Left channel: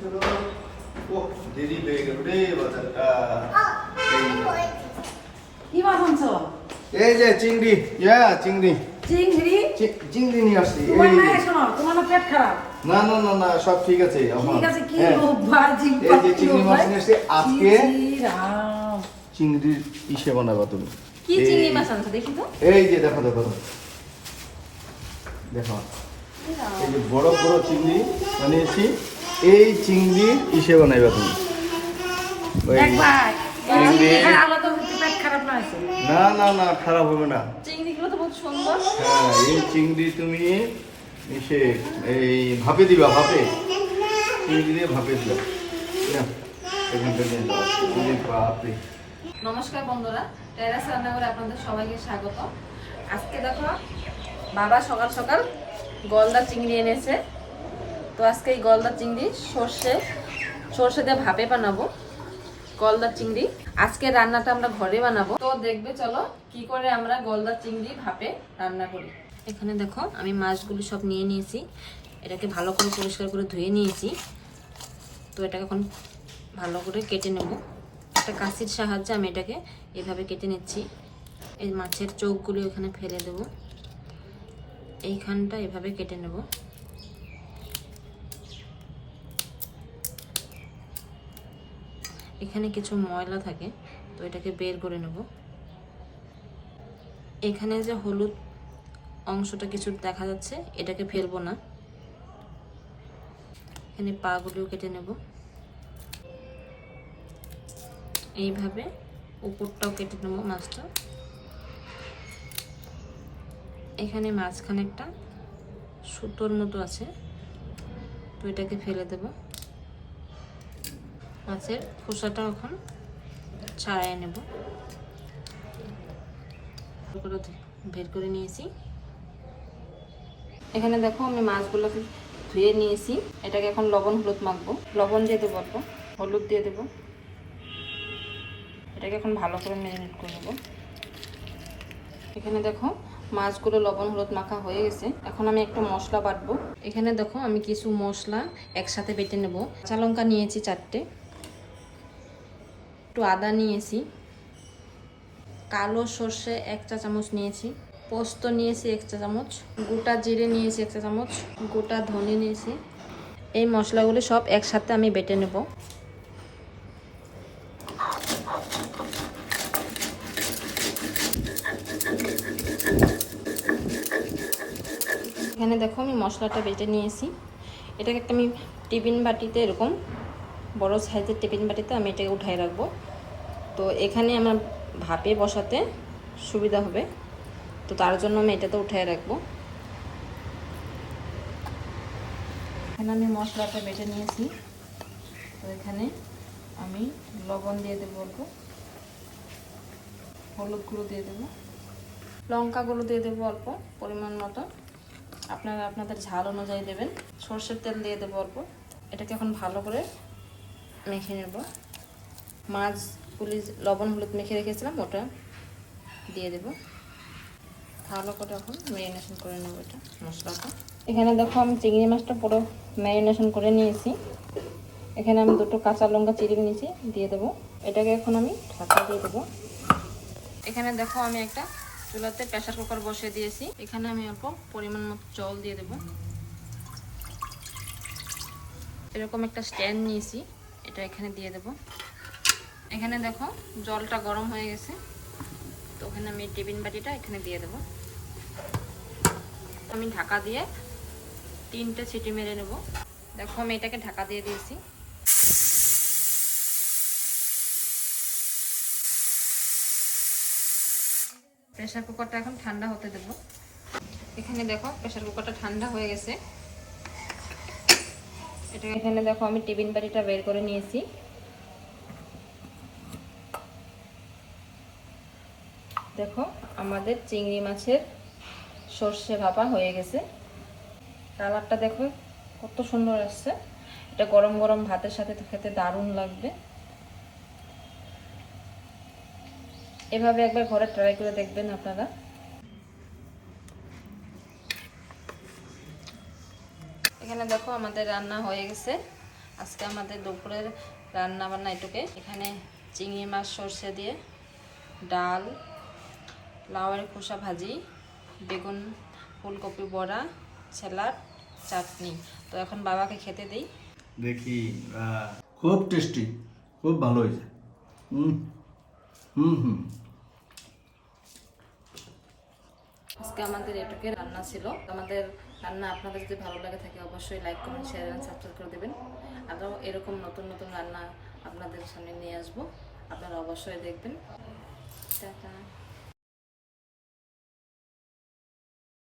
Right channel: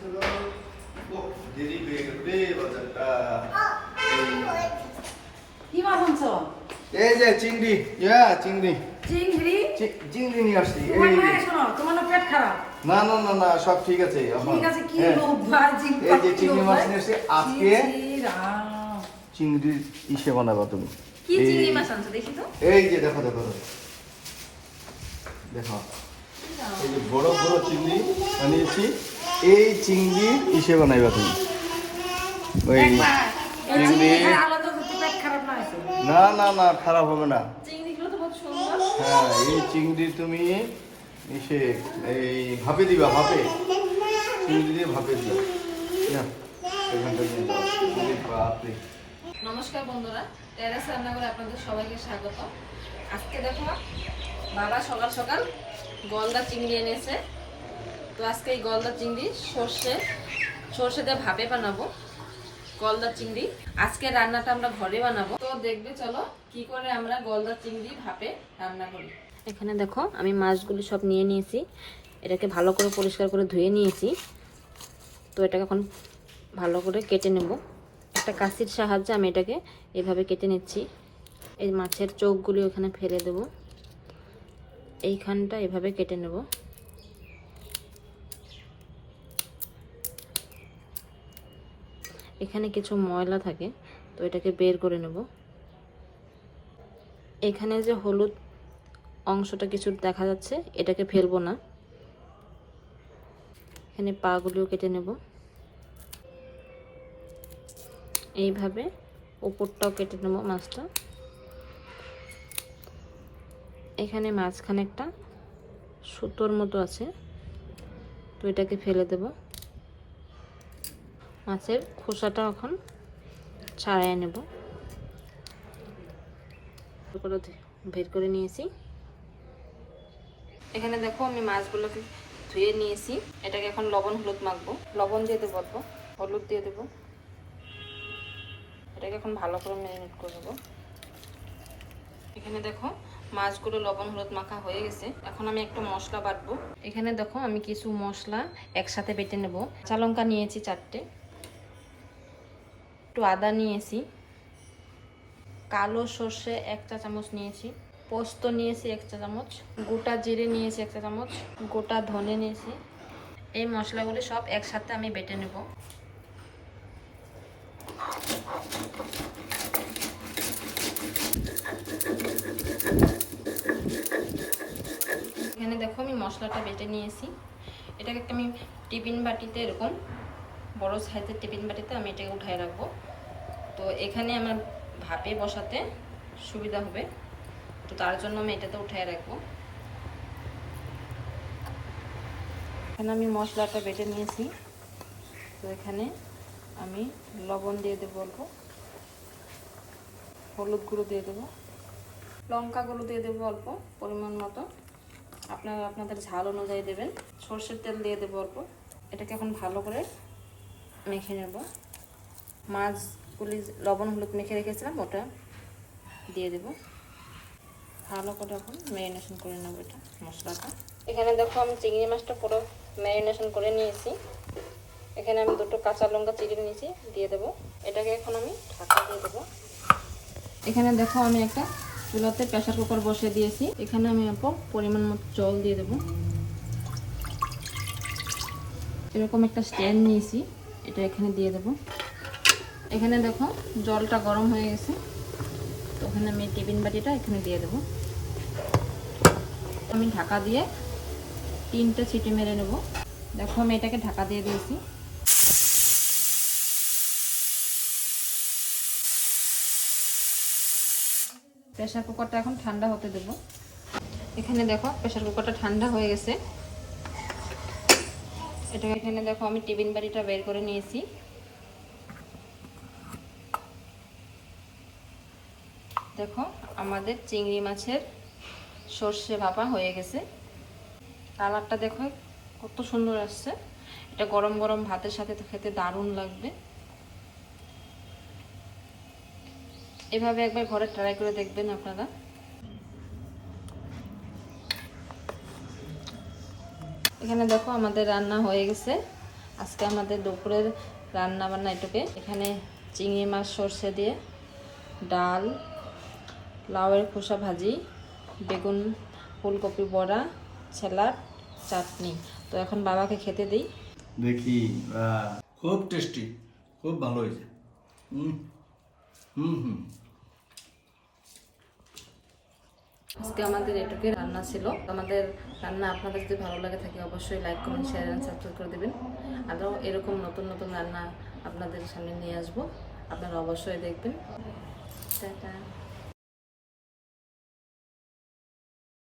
চলো। ও দেরি হয়ে গেল রে বাজারটা। কি মাছ আনছো? এই যে চিংড়ি, চিংড়ি চিংড়ি? চিংড়ি নিয়ে আসছি। তোমার এই মায়ের শোনো, তোমার না পেট খারাপ? না না না না, সব ঠিক আছে। ঠিক আছে, কি হ্যাঁ। লোভ ভাই, এই যে চিংড়ি মাছ নিয়ে আসছি আজকে। রাম। চিংড়ির ইসে বানাবা তুমি। কি চিংড়ি মাছ আনছো দেখি তো? এই যে দেখো দেখো দেখো, এই যে বড় বড় চিংড়ি বানিয়েছি। এই চিংড়ি ইসে বানাইবা তুমি। ওই দেখ ভাই, এই চিংড়ি- চিংড়ি খায় আলাদা যদি পেট খারাপ না হয়েছে। না না না, খারাপ হবে না। চিংড়িগুলো তো বহুত সুন্দর। হ্যাঁ, এই চিংড়ি তুমি ইসে এই ভাপে দিবা, ভাপে চিংড়ি দিয়ে ভাপে দিবা। না এখানটা নিয়ে যাও। চিংড়ি ভাপে। নমস্কার বন্ধুরা, টেরাস রান্নাঘরে আপনাদের সবাইকে স্বাগত। আজকে দেখো বাবা সকাল সকাল গলদা চিংড়ি এনেছে। তো আজকে এই গলদা চিংড়ি সর্ষে দিয়ে ভাপে বানাবো। গলদা চিংড়ি আজকে রান্নাটা আমরা ঘরে বানাবো। তো দেখবে চলো কি করে আমরা গলদা চিংড়ি ভাপে রান্না করি। এখানে দেখো আমি মাছগুলো সব নিয়ে নিয়েছি। এটাকে ভালো করে পরিষ্কার করে ধুয়ে নিয়েছি। তো এটাকে এখন ভালো করে কেটে নেব। একটা কাঁচির সাহায্যে আমি এটাকে এইভাবে কেটে নিচ্ছি। এই মাছের চোখগুলো এখানে ফেলে দেব। এইখানটা এভাবে কেটে নেব। এখানে কিছু ময়লা থাকে, তো এটাকে বের করে নেব। এখানে যে হলুদ অংশটা কিছু দেখা যাচ্ছে, এটাকে ফেলবো না। এখানে পাগুলো কেটে নেব। এইভাবে উপরটাও কেটে নেব মাছটা। এখানে মাঝখানে একটা সুতোর মতো আছে, তো এটাকে ফেলে দেব। মাছের খোসাটা এখন ছাড়াই নেব। বের করে নিয়েছি। এখানে দেখো আমি মাছগুলোকে ধুয়ে নিয়েছি। এটাকে এখন লবণ হলুদ মাখবো। লবণ দিয়ে দেবো, অল্প হলুদ দিয়ে দেবো। এটাকে এখন ভালো করে ম্যারিনেট করে নেব। এখানে দেখো মাছগুলো লবণ হলুদ মাখা হয়ে গেছে। এখন আমি একটা মশলা বাটবো। এখানে দেখো আমি কিছু মশলা একসাথে বেটে নেব। কাঁচা লঙ্কা নিয়েছি 4টে, একটু আদা নিয়েছি, কালো সর্ষে 1 চা চামচ নিয়েছি, পোস্ত নিয়েছি 1 চা চামচ, গোটা জিরে নিয়েছি 1 চা চামচ, গোটা ধনে নিয়েছি। এই মশলাগুলো সব একসাথে আমি বেটে নেব। এখানে দেখো আমি মশলাটা বেটে নিয়েছি। এটাকে একটা আমি টিফিন বাটিতে, এরকম বড় সাইজের টিফিন বাটিতে আমি এটাকে উঠাই রাখবো। তো এখানে আমার ভাপে বসাতে সুবিধা হবে, তো তার জন্য আমি এটাতে উঠাই রাখবো। এখানে আমি মশলাটা বেটে নিয়েছি। তো এখানে আমি লবণ দিয়ে দেবো, অল্প হলুদ গুঁড়ো দিয়ে দেবো, লঙ্কা গুঁড়ো দিয়ে দেবো অল্প পরিমাণ মতো, আপনারা আপনাদের ঝাল অনুযায়ী দেবেন। সরষের তেল দিয়ে দেবো অল্প। এটাকে এখন ভালো করে মেখে নেব। মাছগুলি লবণ হলুদ মেখে রেখেছিলাম, ওটা দিয়ে দেব। ভালো করে এখন ম্যারিনেশন করে নেব এটা মশলাটা। এখানে দেখো আমি চিংড়ি মাছটা পুরো ম্যারিনেশন করে নিয়েছি। এখানে আমি 2টো কাঁচা লঙ্কা চিড়ে নিয়েছি, দিয়ে দেবো। এটাকে এখন আমি ঢাকা দিয়ে দেবো। এখানে দেখো আমি একটা চুলাতে প্রেসার কুকার বসিয়ে দিয়েছি। এখানে আমি অল্প পরিমাণ মতো জল দিয়ে দেবো। এরকম একটা স্ট্যান্ড নিয়েছি, এটা এখানে দিয়ে দেবো। এখানে দেখো জলটা গরম হয়ে গেছে, তো ওখানে আমি টিফিন বাটিটা এখানে দিয়ে দেবো। আমি ঢাকা দিয়ে 3টে সিটি মেরে নেব। দেখো আমি এটাকে ঢাকা দিয়ে দিয়েছি। প্রেসার কুকারটা এখন ঠান্ডা হতে দেব। এখানে দেখো প্রেসার কুকারটা ঠান্ডা হয়ে গেছে। এটা এখানে দেখো আমি টিফিন বাটিটা বের করে নিয়েছি। দেখো আমাদের চিংড়ি মাছের সর্ষে ভাপা হয়ে গেছে। কালারটা দেখো কত সুন্দর আসছে। এটা গরম গরম ভাতের সাথে খেতে দারুণ লাগবে। এভাবে একবার ঘরে ট্রাই করে দেখবেন আপনারা। এখানে দেখো আমাদের রান্না হয়ে গেছে। আজকে আমাদের দুপুরের রান্না বান্না এটুকে। এখানে চিংড়ি মাছ সর্ষে দিয়ে, ডাল, লাউয়ের খোসা ভাজি, বেগুন ফুলকপি বড়া, স্যালাড, চাটনি। তো এখন বাবাকে খেতে দিই। দেখি খুব টেস্টি, খুব ভালো হয়েছে। হুম হুম হুম। আজকে আমাদের এটুকু রান্না ছিল। আমাদের রান্না আপনাদের যদি ভালো লাগে থাকে অবশ্যই like, comment, share and subscribe করে দেবেন। আরও এরকম নতুন নতুন রান্না আপনাদের সামনে নিয়ে আসবো, আপনারা অবশ্যই দেখবেন। টাটা।